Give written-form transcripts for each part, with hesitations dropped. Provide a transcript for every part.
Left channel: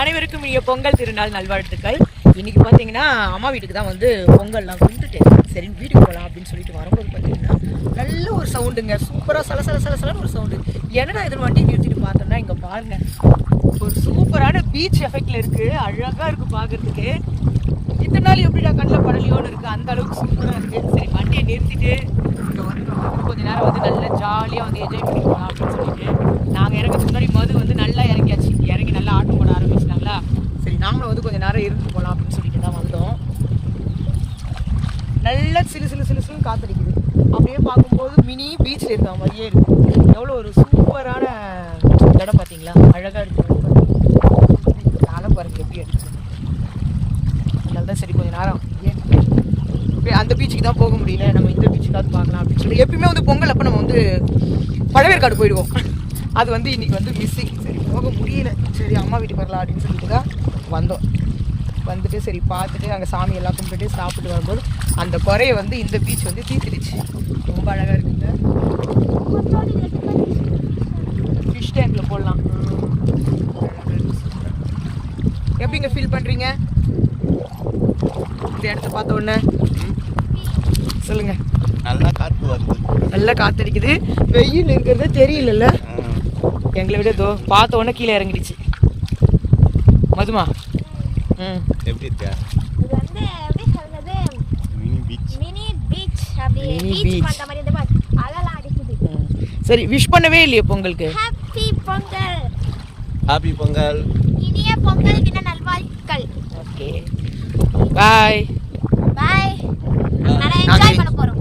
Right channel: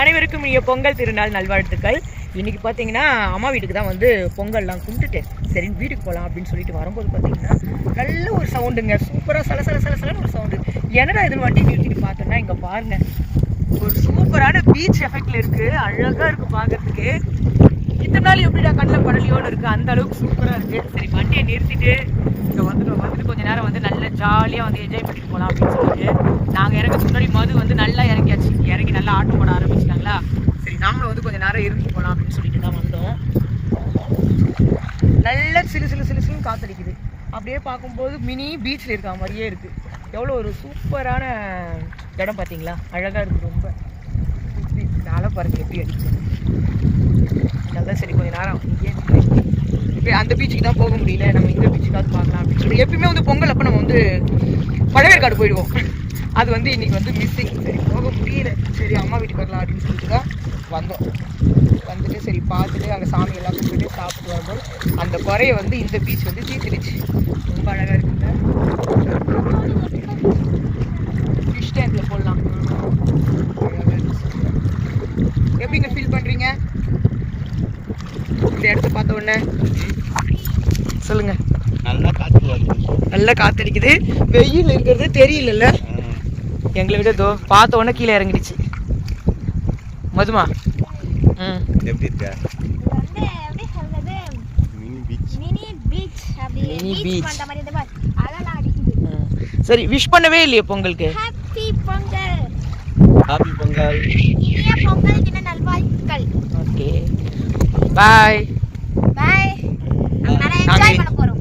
அனைவருக்கும் இனிய பொங்கல் திருநாள் நல்வாழ்த்துக்கள். இன்னைக்கு பார்த்தீங்கன்னா அம்மா வீட்டுக்கு தான் வந்து பொங்கல்லாம் கும்பிட்டுட்டேன். சரி வீட்டுக்கு போகலாம் அப்படின்னு சொல்லிட்டு வரும்போது பார்த்தீங்கன்னா நல்ல ஒரு சவுண்டுங்க, சூப்பராக சலசலன்னு ஒரு சவுண்டு. என்னடா இதுன்னு வண்டி நிறுத்திட்டு பார்த்தோன்னா இங்கே பாருங்க, ஒரு சூப்பரான பீச் எஃபெக்டில் இருக்குது. அழகாக இருக்குது பார்க்குறதுக்கு. இத்தனை நாள் எப்படிடா கண்ணில் படலையோன்னு இருக்குது, அந்த அளவுக்கு சூப்பராக இருக்குது. சரி வண்டியை நிறுத்திட்டு இங்கே வந்துட்டு கொஞ்ச நேரம் வந்து நல்லா ஜாலியாக வந்து என்ஜாய் பண்ணிட்டு போகலாம் அப்படின்னு சொல்லிட்டு நாங்கள் இறங்கிறதுக்கு முன்னாடி மது வந்து நல்லா இறங்கியாச்சு. இறங்கி நல்லா ஆட்டம் போட ஆரம்பிச்சிட்டாங்களா. சரி நாங்களும் வந்து கொஞ்சம் நேரம் இருந்து போகலாம் அப்படின்னு சொல்லிட்டு தான் வந்தோம். நல்லா சிலு காத்தடிக்குது. அப்படியே பார்க்கும்போது மினி பீச்சில் இருக்க மாதிரியே இருக்குது. எவ்வளோ ஒரு சூப்பரான இடம் பார்த்தீங்களா, அழகாக இருக்குது. ரொம்ப காலை பாருங்க எப்படி அடிக்குது. அதனால தான் சரி கொஞ்சம் நேரம் இங்கே அந்த பீச்சுக்கு தான் போக முடியல, நம்ம இந்த பீச்சுக்காவது பார்க்கலாம் அப்படின்னு சொல்லிட்டு. எப்பயுமே வந்து பொங்கல் அப்போ நம்ம வந்து பழவேற்காடு போயிடுவோம். அது வந்து இன்றைக்கி வந்து மிஸ்ஸிங். சரி போக முடியல, சரி அம்மா வீட்டுக்கு வரலாம் அப்படின்னு சொல்லிட்டு தான் வந்தோம். வந்துட்டு சரி பார்த்துட்டு அங்கே சாமி எல்லாம் கும்பிட்டு சாப்பிட்டு வரும்போது அந்த குறையை வந்து இந்த பீச் வந்து தீர்த்துடுச்சு. ரொம்ப அழகாக இருக்குங்க. ஃபிஷ் டேங்கில் போடலாம். எப்படிங்க ஃபீல் பண்ணுறீங்க இந்த இடத்த பார்த்த உடனே? சொல்லுங்கள். நல்லா காற்று வருது, நல்லா காற்றடிக்குது. வெயில் இருக்கிறதே தெரியல. எங்களை விட தோ பார்த்த உடனே கீழே இறங்கிடுச்சு. மதுமா எப்படி இருக்கா? Mini beach. சரி விஷ் பண்ணவே இல்லையே பொங்கலுக்கு? ஹாப்பி பொங்கல். ஹாப்பி பொங்கல். இனிய பொங்கல் தின நல்வாழ்த்துக்கள். ஓகே பாய் பாய். என்ஜாய் பண்ண போறோம்.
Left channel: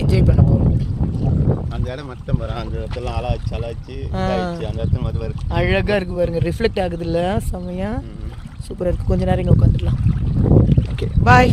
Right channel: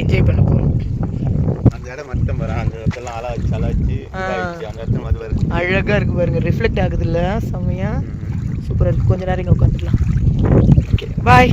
என்ஜாய் பண்ண போறோம். அந்த இடம் மட்டும் பாரு, அந்த இடத்தெல்லாம் அழகாச்சு அந்த இடத்துல மது வருது. அழகா இருக்கு பாருங்க, ரிஃப்ளெக்ட் ஆகுது இல்ல, செம்மையா சூப்பரா இருக்கு. கொஞ்ச நேரம் இங்க உட்காந்துடலாம். Okay bye.